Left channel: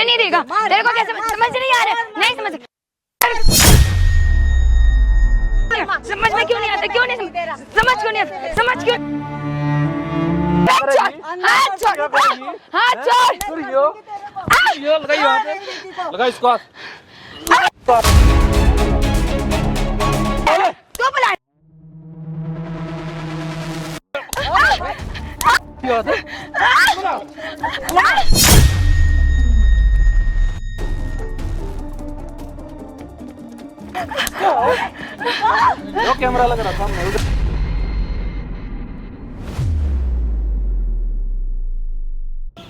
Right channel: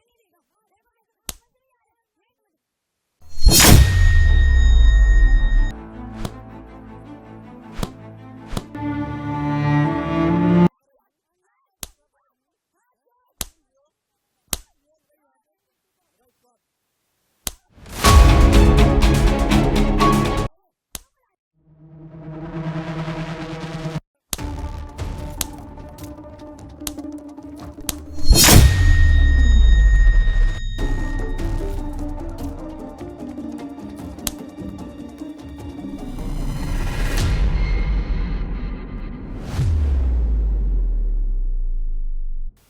पैसे नहीं देगा। तेरे को कैसे समझ नहीं आ रहा? नहीं समझ समझ में क्यों नहीं आता? क्यों नहीं समझ क्यों नहीं आता? समझ क्यों? हाथ छोड़, हाथ छोड़। लगा इसको। तू बुला। कैमरा लग रहा था।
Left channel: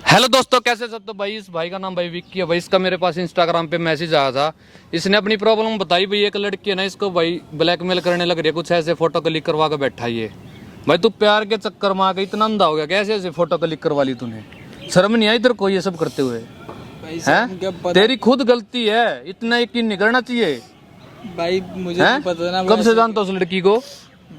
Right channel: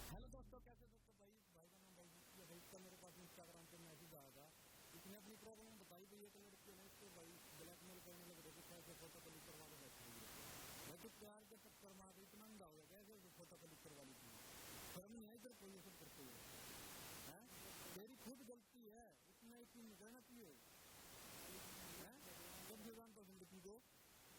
हेलो दोस्तों, कैसे सब? तो भाई इस भाई का नाम भाई विक्की है भाई। इसका मेरे पास इंस्टाग्राम पे मैसेज आया था। इसने अपनी प्रॉब्लम बताई भाई। एक लड़की है ना, इसको भाई ब्लैकमेल करने लग रही है, कुछ ऐसे फोटो क्लिक करवा के बैठा ये। भाई तू प्यार के चक्कर में आके इतना अंधा हो गया? कैसे ऐसे फोटो क्लिक करवा ली तूने? शर्म नहीं आई तेरे को ये सब करते हुए? हैं? तेरी खुद गलती है, इतना यकीन नहीं करना चाहिए भाई। मुझे तो पता ना। कब से जानता उस लड़की को?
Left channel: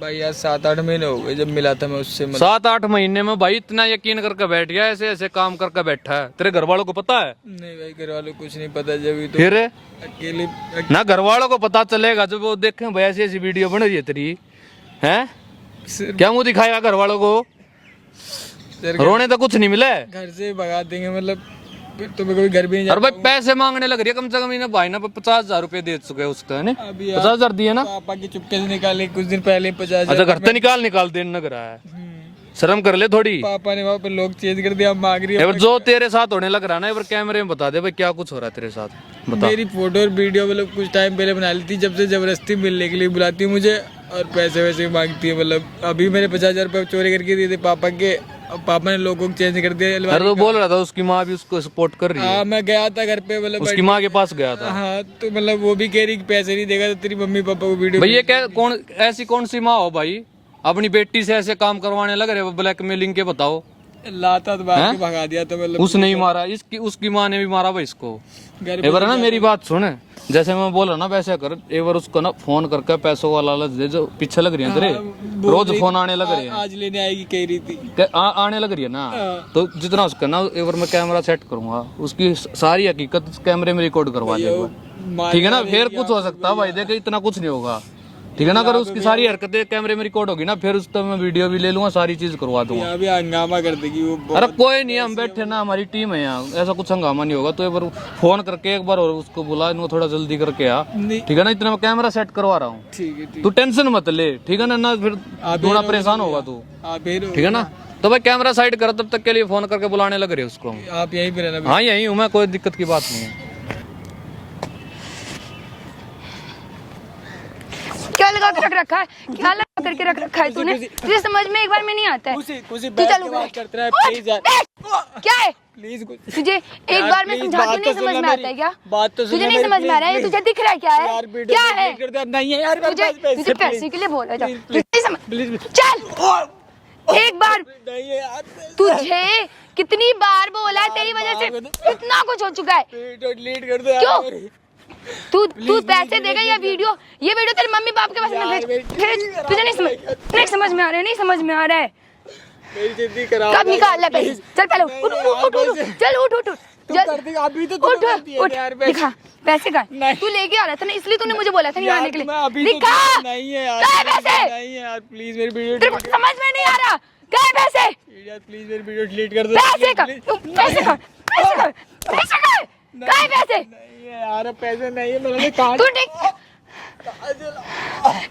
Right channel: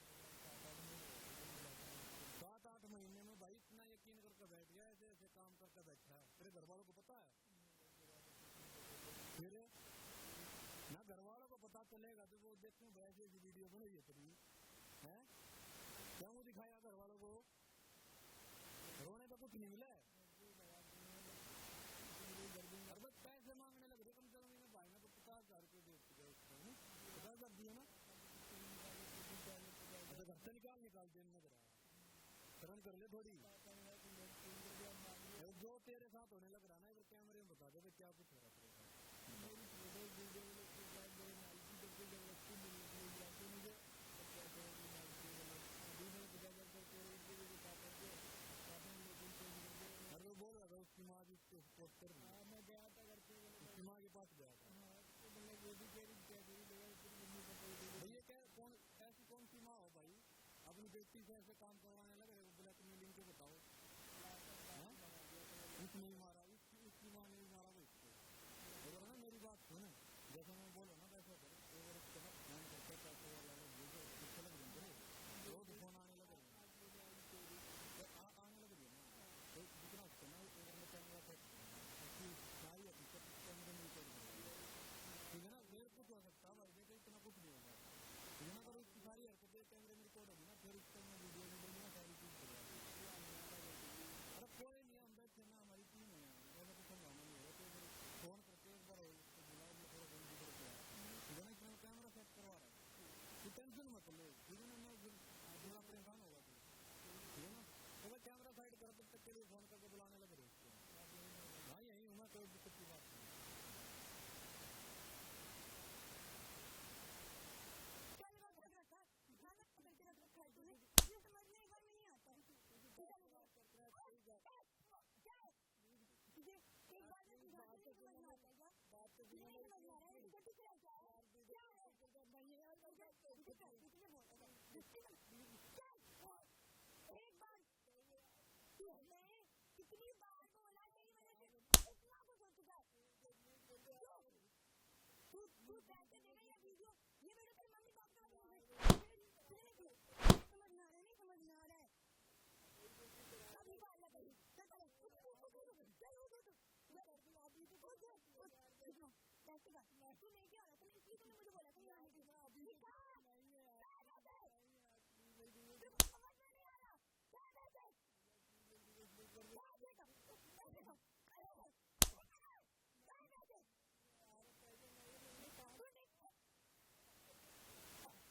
भाई यार 7-8 महीने हो गए जब मिला था मैं उससे। 7-8 महीने में भाई इतना यकीन करके बैठ गया, ऐसे ऐसे काम करके बैठा है। तेरे घर वालों को पता है? नहीं भाई, घर वालों को कुछ नहीं पता। जब तो फिर अकेले ना घर वालों को पता चलेगा जब वो देखें भाई ऐसी ऐसी वीडियो बन रही है तेरी। हैं? क्या मुंह दिखाएगा घर वालों को? रोने तो कुछ नहीं मिले, घर से भगा देंगे। मतलब तुम्हें कोई घर भी नहीं। और भाई पैसे मांगने लग रही है। कम से कम भाई ना 50,000 रुपए दे चुके हैं उसका, है ना? 50,000 दिए ना? पापा की चुपके से निकाले कुछ दिन पहले 50,000। अच्छा, घर से निकाल देने लग रहा है। शर्म कर ले थोड़ी। पापा ने वहाँ पे लोग चेंज कर दिया, अब मांग रही है। जो तेरे साथ होने लग रहा है ना, एक बार कैमरे में बता दे भाई क्या कुछ हो रहा है तेरे साथ। बता। मेरी फोटो और वीडियो मतलब कुछ टाइम पहले बना ली थी, जब से जबरदस्ती मिलने के लिए बुलाती है मुझे और पैसे वैसे मांगती है। मतलब अभी मैंने 50,000 रुपये चोरी करके दिए थे पापा के। पापा ने लोगों को चेंज कर दिया। अरे तो बोल रहा था उसकी माँ भी उसको सपोर्ट कर रही है। हाँ, मैं गया था घर पे। मतलब उसकी माँ के पास गया था। हाँ, तो मतलब वो भी कह रही कि पैसे नहीं देगा तो तेरी मम्मी पापा को वीडियो। भाई ये क्या कौन ऐसी कौन सी माँ हो भाई, अपनी बेटी से ऐसे काम करवाने लग रहे हो ब्लैकमेलिंग के? बताओ। लाता तो बाहर भगा दिया तो मतलब उसने ही मारा, इसकी उसकी माँ ने भी मारा भाई इसको। घर एक बार ना मेरी बात सुन, जैसे मैं बोला ना वैसे कर। एक बार उसको ना फोन करके पैसों वाला लालच दे, जो पीछे लग रही है तेरे। रोज फोन आने लग रहे हैं। आज लेने आएगी कह रही थी। आने लग रही है ना, तो जितना उसका ना एक बार मैं कैमरा सेट करूंगा, उसकी सारी हकीकत कैमरे में रिकॉर्ड करवा देगा। ठीक है ना? फिर कुछ हो सकता है भाई, देखे इतना कुछ नहीं होगा। ठीक है ना? अगर उसकी सारी हरकतें कैमरे में रिकॉर्ड होगी ना, फिर उस पर मैं वीडियो भी ले लूंगा, सारी चीज करवा दूंगा। अभी हंगामा कर देगी वो। अरे कोई नहीं, हम बैठे ना, हमारी टीम है यहाँ, ऐसा कुछ हंगामा नहीं होगा। तो एक बार फोन करके एक बार और उसको बुला, इनको थोड़ा जल्दी करके आ। ठीक है ना? इतना मैं कैमरा सेट करवा रहा हूँ। ठीक है, तू टेंशन मत ले। ठीक है ना? फिर थोड़ा परेशान होगा तू। ठीक है ना? तो भाई कैमरा साइड कर, तब तक के लिए फोन करके बुलाने लग रहे उसको। आप यहीं पे रहना। हाँ यहीं हूँ मैं, कोई दिक्कत की बात नहीं है। क्या लगा कर रख रखा है? क्या लगा करके रख रखा है तूने? तुझे समझ में एक बार में नहीं आता है। तू चल क्या है? प्लीज तुझे एक बार में समझा के नहीं समझ में आता है क्या? बात तो तुझे नहीं समझ में आ रहा है? तुझे दिख रहा है क्या है? क्या है? नहीं है यार, तुझे पैसे के लिए बोला जा। चल एक बार। तुझे कितनी बार बोला, तेरी वजह से इतना कुछ हो चुका है। क्यों? तू पैसे देगा या वीडियो? ये वीडियो तेरे मम्मी पापा के पास में भेज। तुझे नहीं समझ में आ रहा है? नहीं समझ में आ रहा है? कब निकाल ले पैसे? चल पहले उठ। चल उठ अभी तो उठ। दिखा पैसे का। तू लेके आ रहा था ना, इसलिए तूने मुझे बोला था नहीं आने के लिए। दिखा। नहीं है यार, पैसे नहीं है यार, प्लीज मेरी वीडियो। तेरे को समझ में नहीं आ रहा? क्या है पैसे? यार प्लीज मेरी वीडियो डिलीट कर दो। पैसे का क्या है पैसे? यार पैसे नहीं है, मैंने काट। तू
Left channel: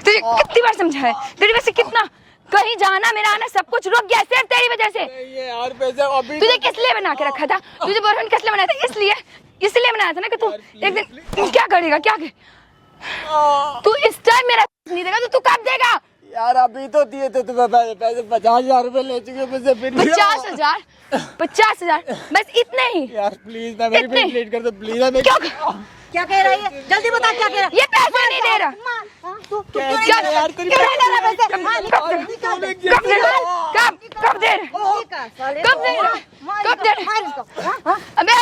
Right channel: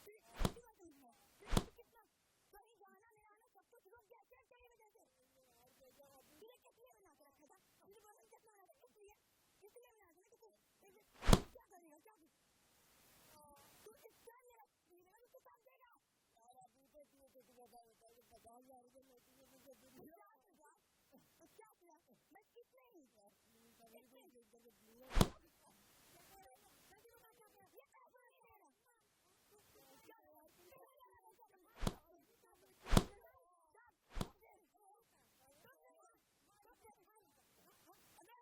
तुझे कितनी बार समझा है? तेरी वजह से कितना कहीं जाना मेरा आना सब कुछ रुक गया, सिर्फ तेरी वजह से। नहीं है यार पैसे। अभी तुझे किस लिए बना के रखा था? तुझे बॉयफ्रेंड किस लिए बनाया था? इसलिए बनाया था ना कि तू एक दिन क्या करेगा। तू इस टाइम मेरा नहीं देगा तो तू कब देगा? यार अभी तो दिए थे तुम्हें पैसे 50,000 रुपए ले चुके मुझसे। फिर 50,000 बस इतने ही? यार प्लीज ना मेरी वीडियो डिलीट कर दो प्लीज। क्यों क्या कह रही है? जल्दी बता क्या कह रहा है? ये पैसे नहीं दे रहा। तू क्यों नहीं ले रहा पैसे? कब दे रहा? कब दे रहा? अबे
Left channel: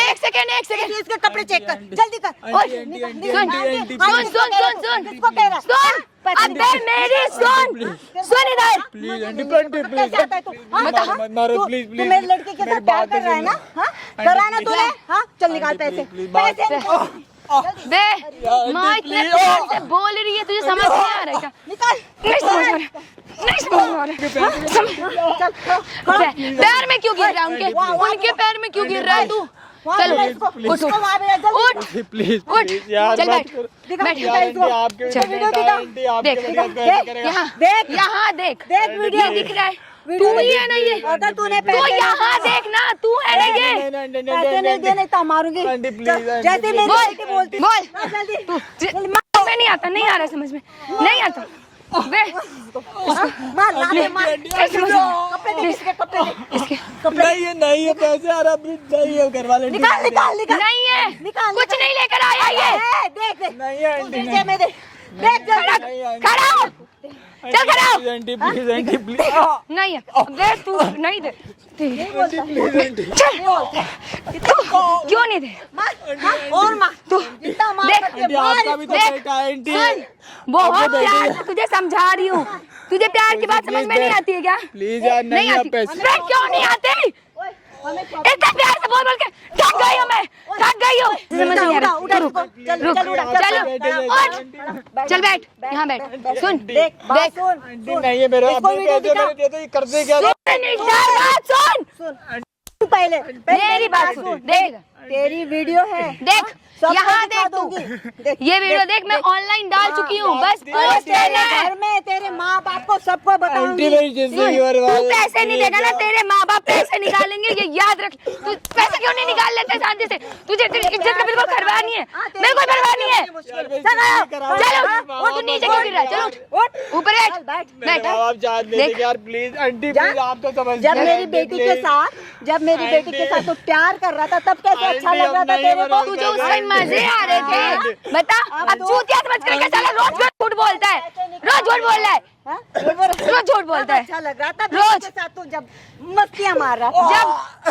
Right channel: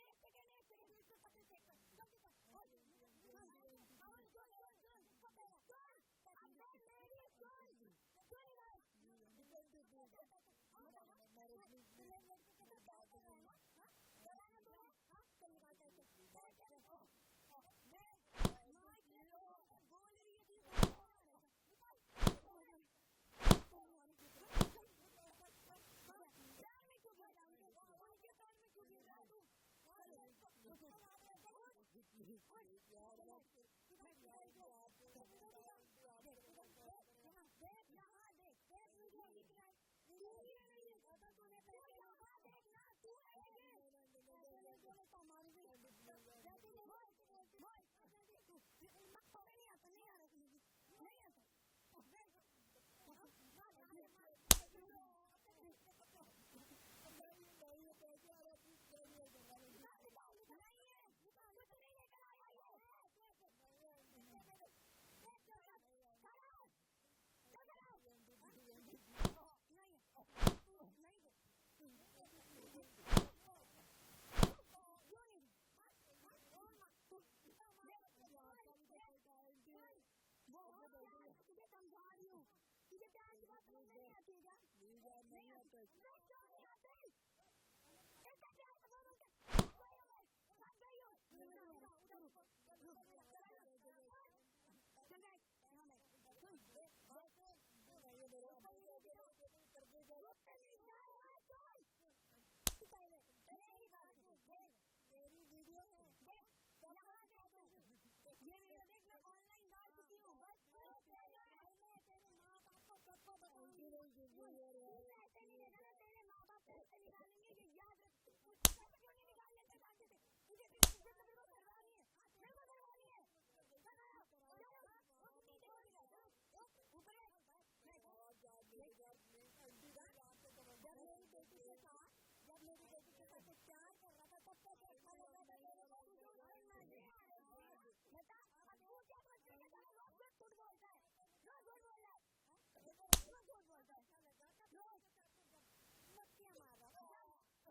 एक सेकेंड इसके कपड़े चेक कर, जल्दी कर। सुन किसको कह रहा है? सुन अबे मेरी सुन इधर। प्लीज आंटी कैसे आता है तू? मारो तू प्लीज मेरी लड़की के साथ प्यार कर रहा है ना? हाँ, कर रहा है ना तूने? हाँ, चल निकाल पैसे। पैसे बे माँ इतने प्यार से बोल रही है, तुझे समझ नहीं आ रहा है क्या? निकाल। नहीं समझ आ रहा पैर में क्यों गिर रहा है उनके पैर में क्यों गिर रहा है तू? चल उठ प्लीज उठ चल बैठ यहाँ देख वीडियो दिख रहा है तू ही है ना ये? अगर तूने तू यहाँ देख ना, तू है ना ये? पैसे नहीं देने तो मारूंगी। जैसे मेरी बेटी बोलती बोल जल्दी तू में नहीं आता, नहीं आ रहा समझ में, नहीं आता बे मार लाते मार। कपड़े दे इसके, कपड़े दे इसके, कपड़े नहीं है पैसे आ रहा नहीं है घर वाले निकाल निकाल निकाल। नहीं है निकाल कुछ नहीं लेकर आया ये। देख देख नहीं है आंटी देख में देख देख जल्दी खड़ा हो चल खड़ा हो। आंटी प्लीज नहीं है बे तू नहीं दे क्यों नहीं दे? और मार तू जितना मार देख सकते मार। आपका भी तो बेटा है आंटी सुन बहुत प्यार से तुझे समझा रही हूँ, तुझे प्यार की बात समझ में नहीं आती है क्या? प्लीज यार नहीं है आती पैसे बे क्यों नहीं आती? इतना प्यार से बोल के थक गई हूँ मैं, थक गई हूँ। समझ नहीं आ रहा। रुक चलो चल बैठ यहाँ बैठ। सुन देख आंटी नहीं है मेरा करते क्या सुन पहले मेरी बात सुन देख तेरी वीडियो है देख यहाँ देख तू ये वीडियो देख मैं ऑनलाइन डाल चुकी हूँ, बस पोस्ट करना है। घर में तेरे माँ बाप को सबको बताऊंगी। तू पैसे नहीं देगा ना, तेरे माँ बाप पैसे निकालेंगे ये याद रख। तू पैसे क्यों नहीं निकाल लेते शांति से? तुझे तेरी इज्जत का बिल्कुल परवाह नहीं है, मेरे को परवाह नहीं है। चलो वो तू नीचे क्यों गिर रहा है? चलो उठ ऊपर बैठ देख यार प्लीज आंटी प्लीज आप तो समझ। जब मेरी बेटी के साथ तू प्यार कर रहा था तब कैसे अच्छा लग रहा था तेरे को? तुझे उस टाइम मजे आ रहे थे बता। अब चूतिया समझ करके चला, रोज झूठ बोलता है, रोज झूठ बोल रहा है, रोज झूठ बोलता है। अच्छा लग रहा था रोज के साथ तू जब मस्तियां मार रहा था। जब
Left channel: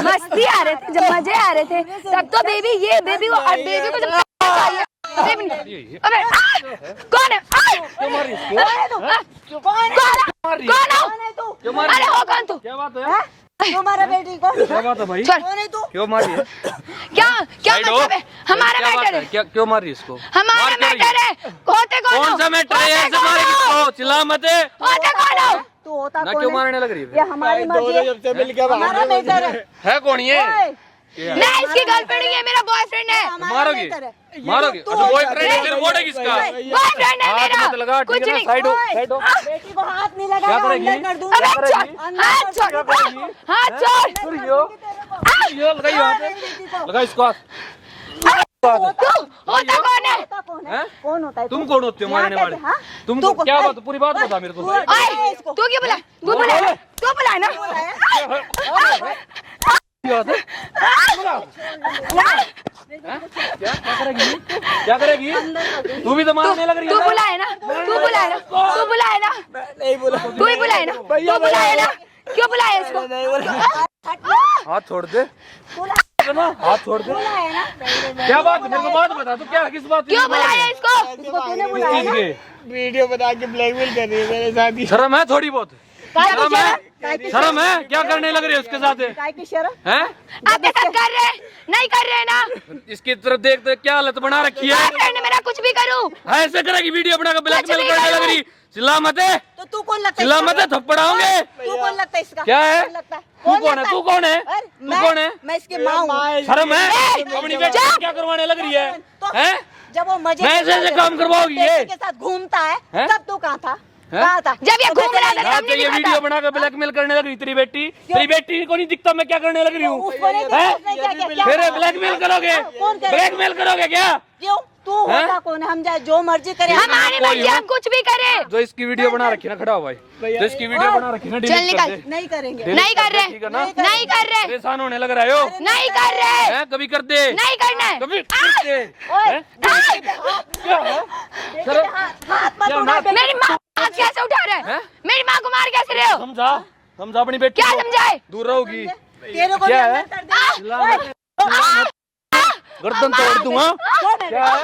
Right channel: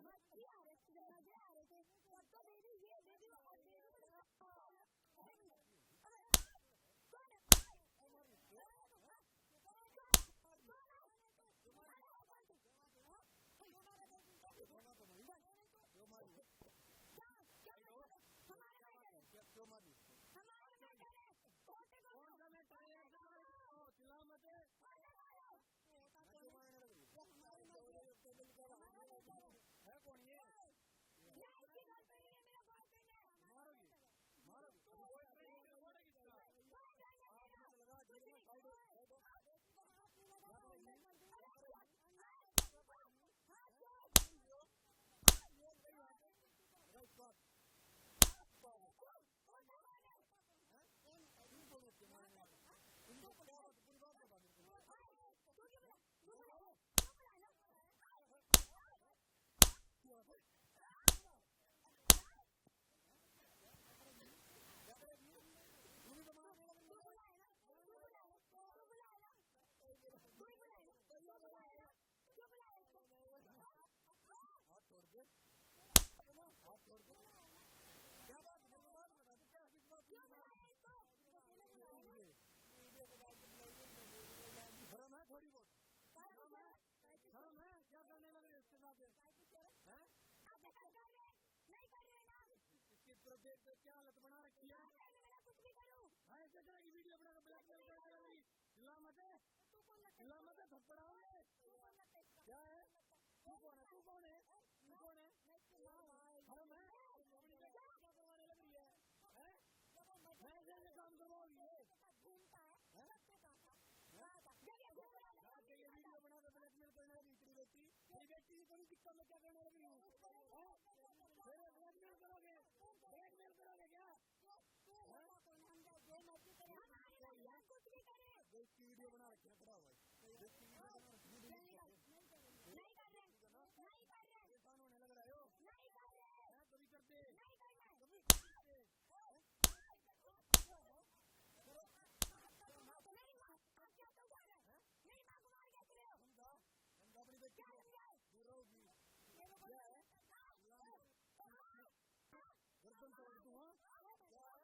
मस्ती आ रहे थे, जब मजे आ रहे थे तब तो बेबी को और बेबी को जब चाहिए अबे कौन है? कौन हो? अरे हो कौन तू? क्या बात है? तुम्हारा बेटी को क्या बात है भाई? कौन है तू? क्यों मारी है? क्या मतलब है? हमारा मैटर है, क्यों मारी इसको? हमारा मैटर है। होते कौन कौन सा मैटर है? ऐसे मारे किसको? चिल्ला मत। होते कौन हो? तू होता ना कौन क्यों है? मारने लग रही है? ये हमारी मर्जी है, हमारा मैटर है। कौन ये? मैं इसकी गर्लफ्रेंड ही है, मेरा बॉयफ्रेंड है। मारोगी? मारोगी? अच्छा बॉयफ्रेंड है, फिर बोल है किसका? बॉयफ्रेंड है मेरा। हाथ मत लगा, कुछ ठीक है ना? नहीं। साइड हो, साइड हो। बेटी को हाथ नहीं क्या लगाना, करेगी? अंदर कर दूंगी। अबे छोड़, हाथ छोड़, हाथ छोड़। ये लगाई वहाँ पे। लगा इसको हाथ। तू होता कौन है? होता कौन है? हैं? कौन होता है? तुम कौन होते हो मारने वाले? हाँ? तुम तू क्या बात? पूरी बात बता मेरे को। ओए, तू क्यों बुला? तू बुला ना? क्या करेगी? तू भी तो मारने लग रही है। तू बुलाए ना? तू बुलाए ना? नहीं बोला। तू ही बुलाए ना? तू बुलाए ना? क्यों बुलाया इसको? हाथ छोड़ दे। हाथ छोड़ दे। क्या बात? मेरे को बात बता। तू क्या किस बात? क्यों बुलाया इसको? तूने बुलाया ना? वीडियो बना के ब्लैकमेल कर रही है मेरे साथ। शर्म है थोड़ी बहुत? शर्म है? शर्म है? क्या करने लग रही है उसके साथ? काय की शर्म? हैं? आपके साथ कर रहे हैं? नहीं कर रहे हैं ना? इसकी तरफ देख देख क्या हालत बना रखी है। बॉयफ्रेंड है मेरा, कुछ भी करूं। ऐसे करेगी वीडियो बना के ब्लैकमेल करने लग रही। चिल्ला मत है, तो तू कौन लगता है? चिल्ला मत है, थप्पड़ आओगे। तू कौन लगता है इसका? क्या है? कौन लगता है? तू कौन है? तू कौन है? अरे, तू कौन है? मैं इसकी माँ हूँ। शर्म है? अपनी बेटी को क्या करवाने लग रही है? तो हैं? जब वो मजे मैं ऐसे काम करवाओगी ये? के साथ घूमता है हैं? तब तू कहाँ था? कहाँ था? जब ये घूम रहा था हाँ, हमने तो ये देखा वीडियो था। बनाकर ब्लैकमेल करने लग रही तेरी बेटी को नहीं दिखता मैं क्या करने लग रही हूँ? उसको नहीं देखा, हैं? उसने क्या किया? फिर ब्लैकमेल करोगे? कौन करेगा? ब्लैकमेल करोगे क्या? क्यों? तू होता कौन है? हम जाए जो मर्जी करे। हमारे कोई बच्चे हो। हम कुछ भी करें। जो इसकी वीडियो बना रखी ना, खड़ा हो भाई, जो इसकी वीडियो बना रखी ना, चल डिलीट कर निकल। दे। नहीं करेंगे। डिलीट नहीं कर रहे, ठीक है ना? नहीं कर रहे, परेशान होने लग रहा हो? नहीं कर रहे, हैं? कभी कर दे, नहीं करना है। कभी कर दे। ओए, हैं? क्या है? सर, हाथ मत क्या उठा नाक- बेटे। मेरी माँ हाथ कैसे उठा रहे हैं? मेरी माँ को मार कैसे रहे हो? समझा अपनी बेटी क्या को। समझाए? दूर रहोगी, तेरे को भी क्या अंदर है? कर देंगे। चिल्ला ओए, मत। गर्दन तोड़ दूंगा। छोड़ मेरे क्या है?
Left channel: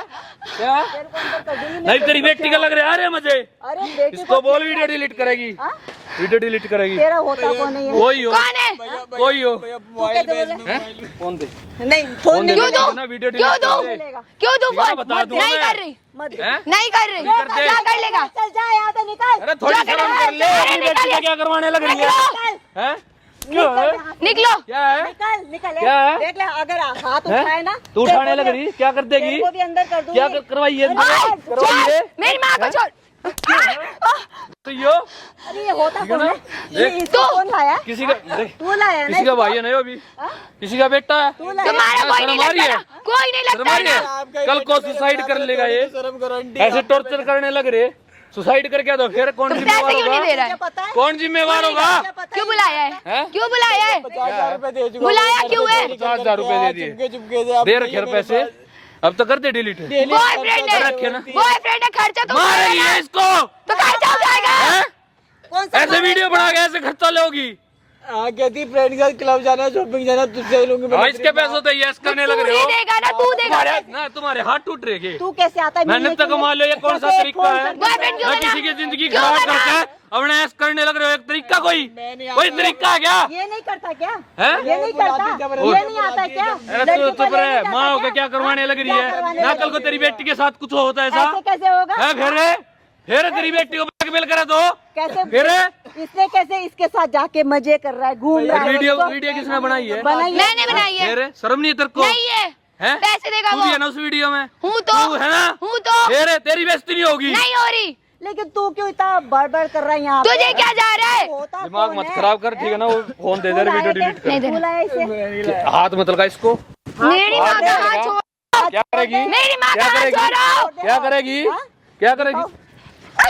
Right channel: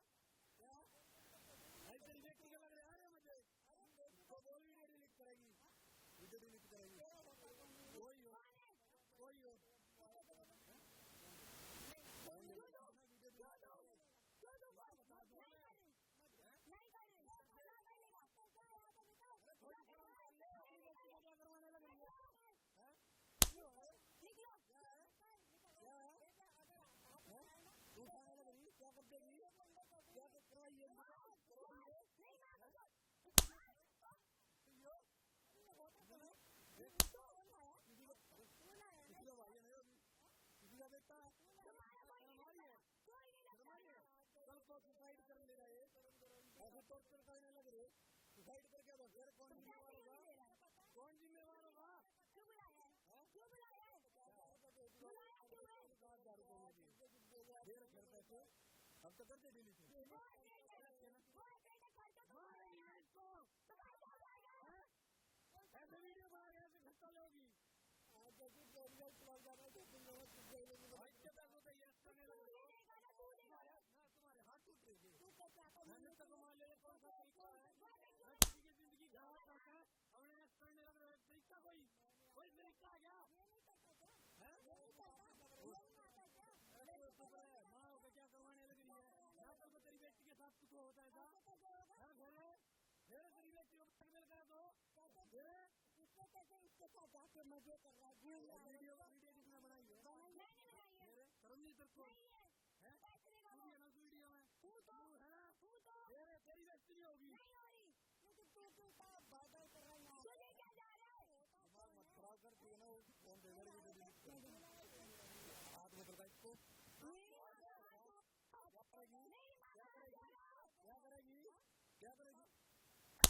क्या? तेरे को अंदर कर दूंगी मैं। नहीं तेरी बेटी का लग रहा है, अरे मुझे अरे बेटी इसको को बोल वीडियो डिलीट करेगी, हाँ? वीडियो डिलीट करेगी। तेरा होता कौन है ये? कोई हो, कौन है? कोई हो। तू कैसे बोले? हैं? फोन दे, नहीं फोन नहीं क्यों दो? ना, वीडियो क्यों डिलीट दो? कर दे। मिलेगा। क्यों दो ठीक है, फोन? बता दूं नहीं मैं। कर रही, मत हैं? नहीं कर रही। कर दे। क्या कर लेगा? चल जा यहाँ से निकल। अरे थोड़ी जा कर शर्म ले, कर ले, अरे अपनी बेटी का क्या करवाने लग रही है? निकलो, हैं? क्यों है? निकलो। क्या है? निकल निकल क्या है? देख ले अगर हाथ हैं? उठाए ना तू तेरे उठाने को लग भी- रही, क्या कर देगी? तेरे को भी अंदर कर दूंगी। क्या करवाइए? छोड़, करवाइए मेरी माँ को छोड़। तो यो अरे ये होता ठीक है कौन ना? है? ये देख। इसको कौन लाया? किसी का देख, तू लाया ना किसी का इसको? भाई है ना, यो भी हाँ? किसी का बेटा है। तू लाया? तुम्हारा कोई नहीं शर्म आ रही लगता है? ना, कोई नहीं शर्म लगता आ रही है? ना। कल को सुसाइड कर लेगा ये, शर्म करो आंटी। ऐसे टॉर्चर करने लग रहे, सुसाइड करके दो, फिर कौन तो पैसे जिम्मेवार क्यों नहीं दे होगा? रहा क्या है? पता है? कौन जिम्मेवार होगा? क्या पता क्यों है? बुलाया है? हैं? क्यों बुलाया है? 50,000 रुपए दे चुका। बुलाया क्यों है? 50,000 रुपए दे दिए, चुपके दे रखे पैसे, अब तो कर दे डिलीट। बॉयफ्रेंड है, रखे ना। बॉयफ्रेंड है, खर्चा तो मारेगी उठाएगा। है इसको, तो खर्चा उठाएगा। हैं? कौन सा ऐसे वीडियो बना के ऐसे खर्चा लोगी? हाँ कहती फ्रेंड के साथ क्लब जाना, शॉपिंग जाना, तुझसे लूंगी। हाँ, इसके पैसों तो यस करने लग तू रहे ही हो। देगा ना, तू देगा। तुम्हारे हाथ टूट रहे हैं। तू कैसे आता है? मेहनत मिलने तो के लिए? कमा लो, ये कौन सा कैसे तरीका फोन है? कर- बॉयफ्रेंड क्यों मैं बना? किसी की जिंदगी क्यों खराब बना? करके अपने ऐस करने लग रहे हो, एक तरीका कोई तरीका है क्या? ये नहीं करता क्या? हैं? ये नहीं करता? ये नहीं आता क्या? अरे लड़की तू को चुप ये रहे, नहीं करता माँ होकर क्या? क्या करवाने लग रही क्या है करवाने ना? लग कल को रही तेरी बेटी के साथ कुछ होता है ऐसा ऐसे कैसे होगा? है? फिर तेरी बेटी को ब्लैकमेल करे तो कैसे? फिर इसने कैसे इसके साथ जाके मजे कर रहा है, घूम रहा है? वीडियो उसको- वीडियो किसने बनाई है? बनाई है। मैंने बनाई है। फिर शर्म नहीं है तेरे को? नहीं है, हैं? पैसे देगा तू वो। भी है ना उस वीडियो में? हूँ तू तो, है ना? हूँ तो, फिर तेरी बेइज्जती नहीं होगी। नहीं हो रही। लेकिन तू क्यों इतना बड़बड़ कर रहा है यहाँ पे? तुझे क्या जा रहा है? होता दिमाग कौन मत है? खराब कर, ठीक है ना? वो फोन दे दे, तू वीडियो लाया डिलीट नहीं कर। देना। तू लाया इसे? हाथ मत लगा इसको। मेरी माँ का हाथ छोड़ो। क्या करेगी? मेरी माँ का क्या हाथ करेगी? छोड़ो। क्या करेगी? हाँ? क्या करेगी?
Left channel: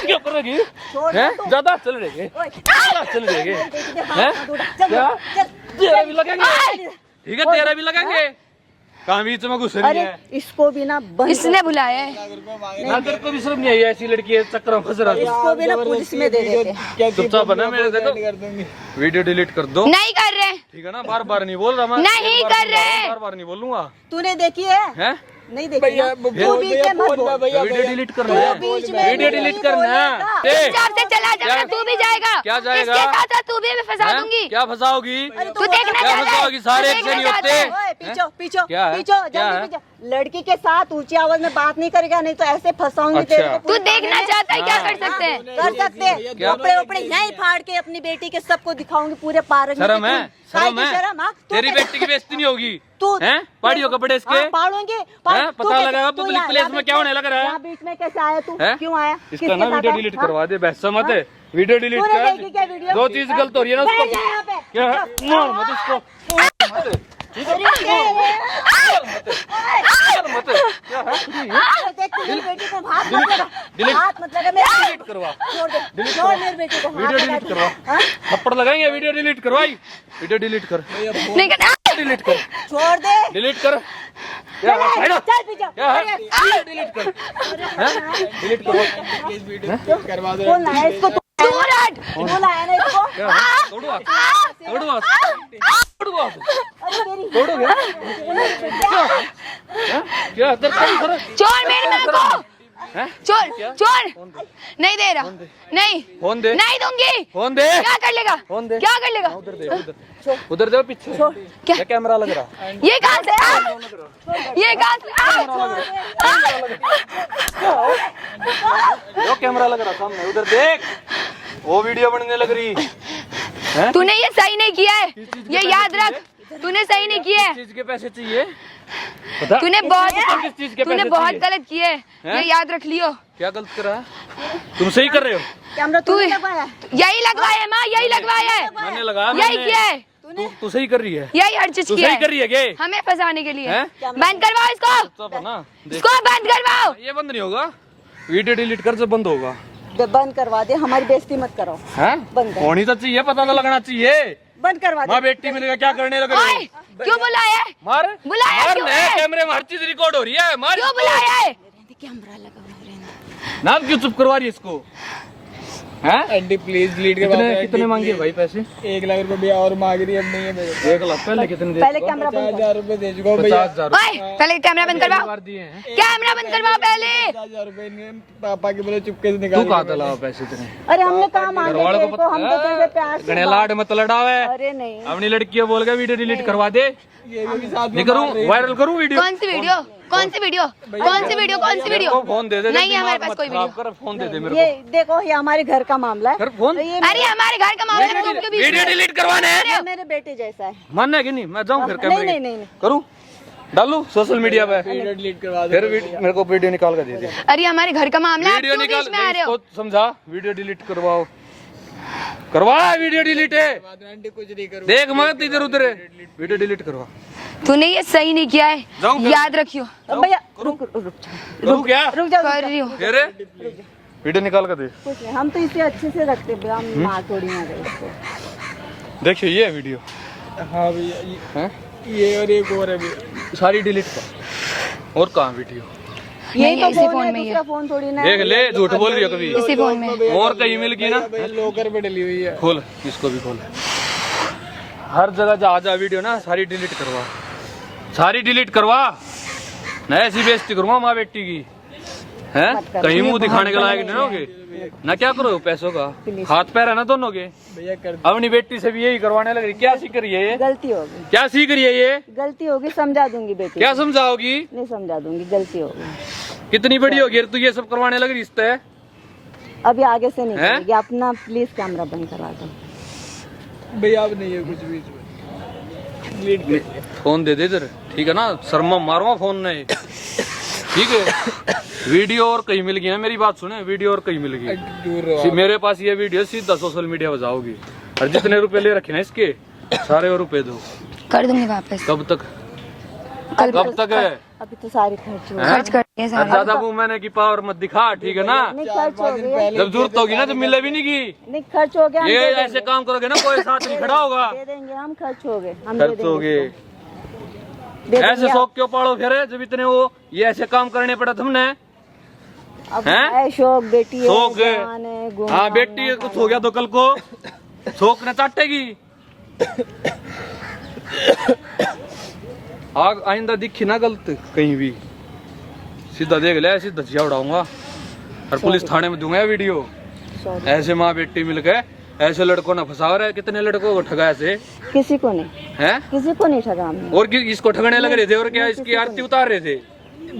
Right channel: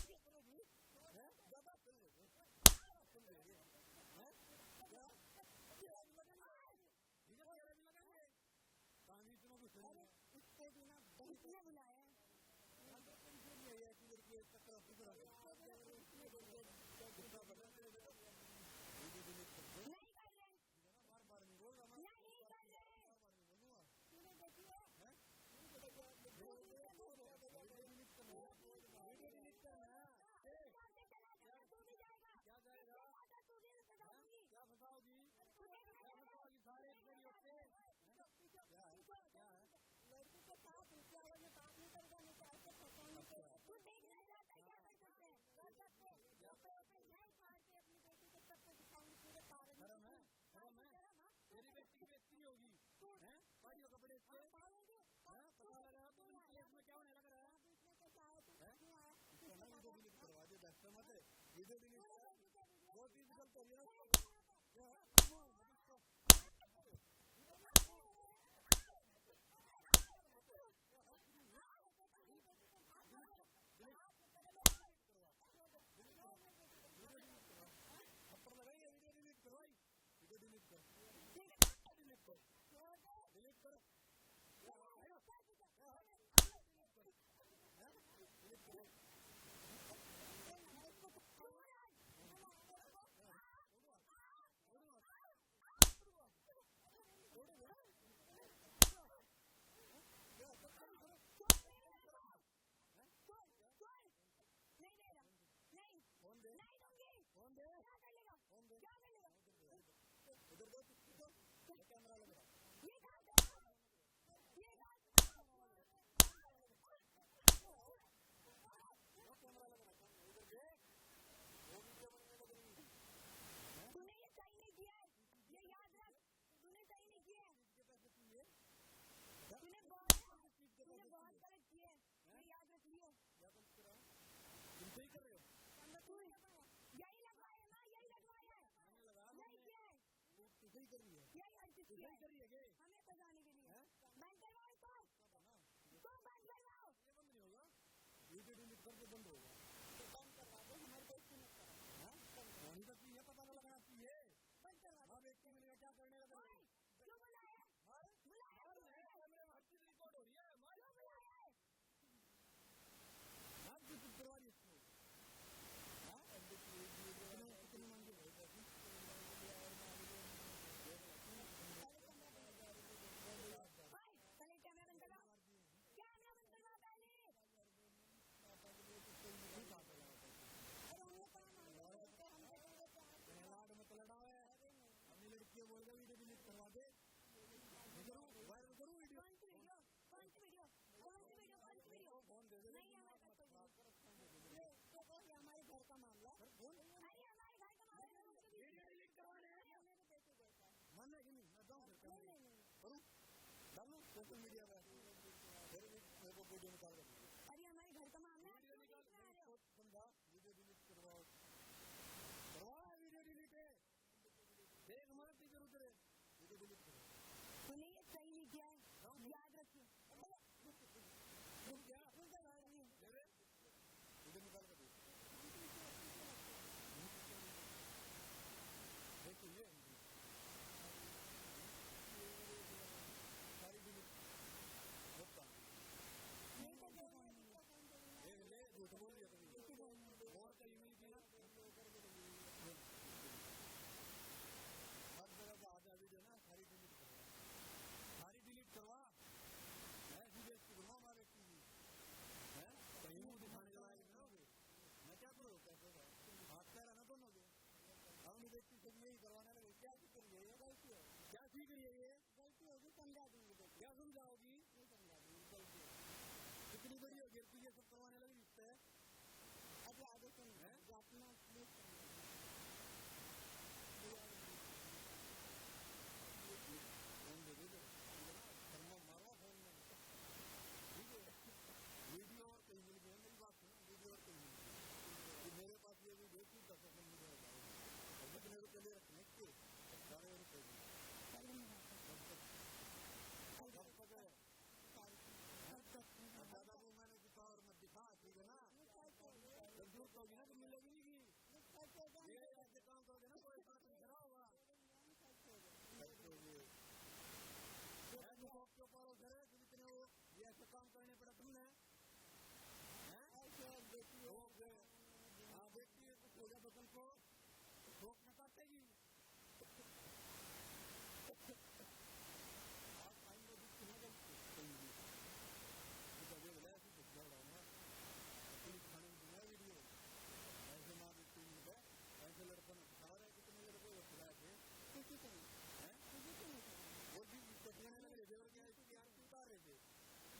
क्या करेगी? छोड़ हैं? दो तू। ज्यादा चल रहे हैं? ओए, ज्यादा चल रहे हैं? हैं? चल, क्या? चल। तेरा भी लगेंगे, ठीक है? तेरा भी लगेंगे। कहाँ बीच में घुस रही अरे है? इसको भी ना बंद इसने बुलाया है। ना तेरे को भी शर्म नहीं आई? ऐसी लड़की है, चक्कर में फंस रहा है। इसको भी ना पुलिस में दे देते। क्या चुपचाप बना, मेरे देखो कर दूंगी। वीडियो डिलीट कर दो, नहीं कर रहे, ठीक है ना? बार बार नहीं बोल रहा मैं, नहीं एक बार कर बोल रहा हूँ, रहे। बार बार नहीं बोलूंगा। तूने देखी है? हैं? नहीं देखी भैया ना? वो तू बीच में मत बोल। भैया वीडियो डिलीट करना है, बीच में वीडियो नहीं डिलीट करना है। बोलेगा। ए, हिसाब से चला जाना, क्या- तू भी जाएगा। क्या जाएगा? इसके साथ साथ तू भी मैं फंसा हैं? दूंगी। क्या फंसाओगी? तू देखना क्या चाहता है? फंसाओगी? सारे तू एक से नहीं देखना होते। चाहता है? ओए, पीछो पीछो क्या है? पीछो क्या है? जल्दी पीछो। लड़की के साथ ऊंची आवाज में बात नहीं करेगा, नहीं तो ऐसे फंसाऊंगी अच्छा। तेरे को तू पूरे देखना थाने में। चाहता है, क्या हाँ। कर सकते हैं? कर सकते हैं। क्या? कपड़े उपड़े यहीं फाड़ के अपनी बेटी के सबको दिखाऊंगी पूरे पार्क में। शर्म कि है? तू- शर्म काय की है? शर्म, हाँ? तू तेरी कैसे- बेटी की बेइज्जती नहीं होगी? तू हैं? पाड़ियों कपड़े इसके? हाँ, फाड़ूंगी हैं? तू पता कैसे- लगा तू पब्लिक यहाँ- प्लेस यहाँ में बीच क्या होने लग रहा है? यहाँ बीच में कैसे आया तू? हैं? क्यों आया? इसका किसके ना साथ वीडियो आया? डिलीट हाँ? करवा दे, बहसा मत है। वीडियो डिलीट तूने कर। देखी क्या वीडियो? जो चीज गलत हो रही है ना बैठ उसको जा यहाँ पे। क्या है? मार मत इसको, अरे मत क्या है? देख तू मेरी बेटी को हाथ मत लगा। डिलीट- हाथ मत लगा मेरी डिलीट करवा, छोड़ दे। छोड़ मेरी बेटी को हाथ वीडियो लगा डिलीट तू। करवा, हाँ? थप्पड़ लगाएंगे। वीडियो डिलीट करवाई, वीडियो डिलीट कर, नहीं करना। डिलीट कर, छोड़ दे। डिलीट कर। क्या है? साइड हट। चल पीछे। क्या है? डिलीट कर, डिलीट करो। करवा दो। कौन लाया इसको? दूर हट। कौन लाया ना इसको? क्या है? तोड़ो हाथ, तोड़ो हाथ, तोड़ो हाथ, अरे मेरी तोड़ोगे? हैं? क्या तेरे को नहीं फर्क? छोड़ मेरी माँ को। हैं? छोड़, छोड़। नहीं दे रहा, नहीं, फोन दे, नहीं दूंगी। फोन दे, क्या कर लेगा? फोन दे। क्या कर लेगा? उधर दे, उधर दे पीछे। क्या? क्या कैमरा लग रहा? ये कहाँ से? ये कहाँ से? जो कैमरा लग रहा सामने, उधर देख, वो वीडियो बनने लग रही है। तूने ये सही नहीं किया है, ये याद रख। तूने सही नहीं किया है। चीज के पैसे चाहिए बता। तूने किस चीज के तूने पैसे बहुत चाहिए? गलत किए, ये याद रख लियो। क्या गलत करा है? तुम सही कर रहे हो। कैमरा तू तूने लगवाया? यही लगवाया है माँ, यही लगवाया है, मैंने लगाया, यही किया है, तू सही कर रही है, यही हर चीज तू किया सही है कर रही है के हमें फंसाने के लिए। हैं? बंद करवाओ इसको, सब ना देख, इसको बंद करवाओ। ये बंद नहीं होगा, वीडियो डिलीट कर जब बंद होगा। बंद करवा दे, हमारी बेइज्जती मत करो। हैं? बंद कर। होनी तो चाहिए, पता तो लगना चाहिए। बंद करवा दे। माँ बेटी मिलेगा क्या करने लगे? ओए, क्यों बुलाया है? मार बुलाया मार क्यों ले, है? कैमरे में हर चीज रिकॉर्ड हो रही है। मार क्यों इसको। बुलाया है? कैमरा लगा हुआ है। नाम क्यों चुप करवा रही है इसको? हैं? आंटी प्लीज डिलीट करवा दो। कितने मांगे भाई पैसे? 1 लाख रुपए भैया और मांग रही है, अब नहीं है मेरे को। 1 लाख पहले कितने दे? पहले कैमरा बंद कर। 50,000 रुपए दे चुका हूँ भैया। 50,000 ओए, पहले कैमरा बंद करवाओ, दिए हैं। कैमरा बंद करवाओ पहले। 50,000 रुपए इनके पापा के बोले चुपके से तू निकाल कहाँ तला पैसे तेरे? अरे हमने कहा मांगे घरवालों तेरे को, हम तो तेरे से प्यार से गणे लाड मत लड़ावे। अरे नहीं, अपनी लड़की बोल के वीडियो डिलीट करवा दे। ये भी साथ नहीं में करूँ, मार रही है। वायरल करूँ वीडियो? कौन सी वीडियो, कौन सी वीडियो, कौन सी वीडियो, कौन सी वीडियो? मेरे को फोन दे दे, नहीं है हमारे दिमाग पास मत कोई खराब वीडियो। कर, फोन दे दे मेरे ये को। देखो, ये हमारे घर का मामला है। कर फोन। ये अरे हमारे घर का मामला है, तुम क्यों बीच वीडियो में? डिलीट करवाना है? ये मेरे बेटे जैसा है। मानना है कि नहीं? मैं जाऊँ फिर नहीं, कैमरे नहीं, नहीं, नहीं। करूँ, डालू सोशल मीडिया पे, वीडियो डिलीट करवा दो। फिर मेरे को वीडियो निकाल कर दे दे। अरे हमारे घर का मामला है, आप वीडियो क्यों निकाल, बीच में आ रहे हो? इसको समझा, वीडियो डिलीट करवाओ, करवा वीडियो डिलीट है। आंटी कुछ नहीं करूँ। देख मत इधर उधर, वीडियो डिलीट करवा। तूने ये सही नहीं किया है, जाऊं फिर? याद रखियो। भैया रुक रुक रुक करूँ क्या? रुक जाओ, कर रही हूँ। फिर वीडियो निकाल कर दे। कुछ नहीं, हम तो इसे अच्छे से रखते हैं, हम मार थोड़ी ना रहे इसको। देखियो ये वीडियो हाँ भैया, हैं? ये और एक और है भैया। सारी डिलीट कर। और कहाँ वीडियो? यही नहीं, तो इसी फोन फोन है, में ही है। दूसरा फोन थोड़ी ना है। देख ले, झूठ बोल रही हो कभी? इसी फोन में। और कहीं मिल गई ना? भैया लॉकर पे डली हुई है। खोल, इसको भी खोल। हर जगह जहाँ जा वीडियो ना सारी डिलीट करवा, सारी डिलीट करवा, ना ऐसी बेइज्जती करूँगा माँ बेटी की। हैं? कहीं मुंह दिखाने के लायक नहीं होगे ना। क्या करो पैसों का, हाथ पैर है ना दोनों के। भैया कर अपनी बेटी से भी यही करवाने लग रही। क्या सीख रही है ये? गलती होगी, क्या सीख रही है ये? गलती होगी, समझा दूंगी बेटी क्या को। समझाओगी? नहीं समझा दूंगी, गलती होगी। कितनी बड़ी होगी तू ये सब करवाने लग रही इससे? अभी आगे से नहीं हैं? करेगी। अपना प्लीज कैमरा बंद करवा दो। भैया अब नहीं है कुछ भी इसमें। डिलीट कर। फोन दे दे इधर, ठीक है ना? शर्मा मारूंगा फोन नहीं, ठीक है? वीडियो और कहीं मिल गई ना, मेरी बात सुने, वीडियो और कहीं मिल गई, दूर रहो। मेरे पास ये वीडियो सीधा सोशल मीडिया पर जाओगी। और जितने रुपए ले रखे ना इसके, सारे और रुपए दो। कर दूंगी वापस। कब तक? कल कब तक है? अभी तो सारे खर्च हो गए। खर्च कर दिए और सारे। ज्यादा मुंह मैंने की पावर मत दिखा, ठीक है ना? नहीं खर्च हो गए, जब जरूरत होगी ना, जब मिले भी नहीं की, नहीं खर्च हो गया, हम ये दे ऐसे देंगे। काम करोगे ना, कोई साथ नहीं खड़ा होगा। दे देंगे हम, खर्च हो गए, हम दे खर्च देंगे हो गए। इसको। दे ऐसे देंगे शौक क्यों पालो फिर, जब इतने वो ये ऐसे काम करने पड़ा तुमने? अब हैं? है शौक, बेटी है, शौक है। जवान है, घूमना हाँ बेटी फिरना, कुछ हो गया तो कल को शौक न चाटेगी। आग आइंदा दिखी ना गलत कहीं भी, सीधा देख ले, सीधा झिया उड़ाऊंगा और पुलिस थाने में दूंगा ये वीडियो। शौक। ऐसे माँ बेटी मिलके ऐसे लड़कों ने फंसा रहे, कितने लड़कों को ठगा ऐसे किसी को नहीं, हैं? किसी को नहीं ठगा हमने। और इसको ठगने लग रहे थे, और क्या इसकी आरती उतार रहे थे?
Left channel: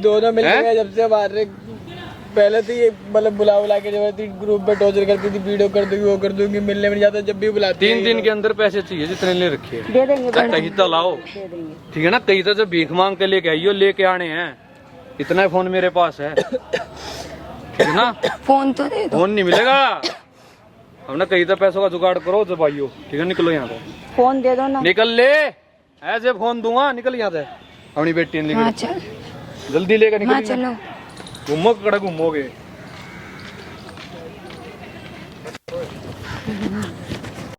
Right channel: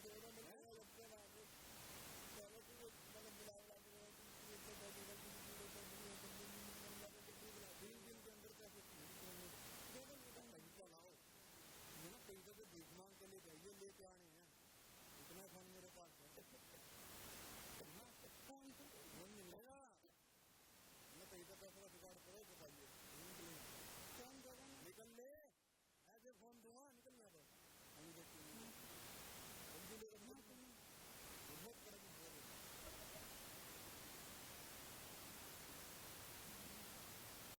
दोनों मिल हैं? गए जब से मार रहे। पहले तो ये मतलब बुला के जब ग्रुप में टॉर्चर करती थी, वीडियो कर दूंगी, वो कर दूंगी, मिलने में नहीं जाता, जब भी बुलाती 3 दिन के अंदर पैसे चाहिए जितने ले रखे हैं। दे देंगे, दे कहीं तो लाओ, दे देंगे। ठीक है ना? कहीं तो जब भीख मांग के लेके आइयो, लेके आने हैं। इतना फोन मेरे पास है, ठीक है ना? फोन तो दे दो। फोन नहीं मिलेगा, हमने कहीं तो पैसों का जुगाड़ करो जब आइयो, ठीक है? निकलो यहाँ से, फोन दे दो ना। निकल ले, ऐसे फोन दूंगा, निकल यहाँ से। अपनी बेटी ने हाँ लेकर चल, जल्दी लेकर हाँ निकल, चलो। घूमो कड़ा घूमोगे।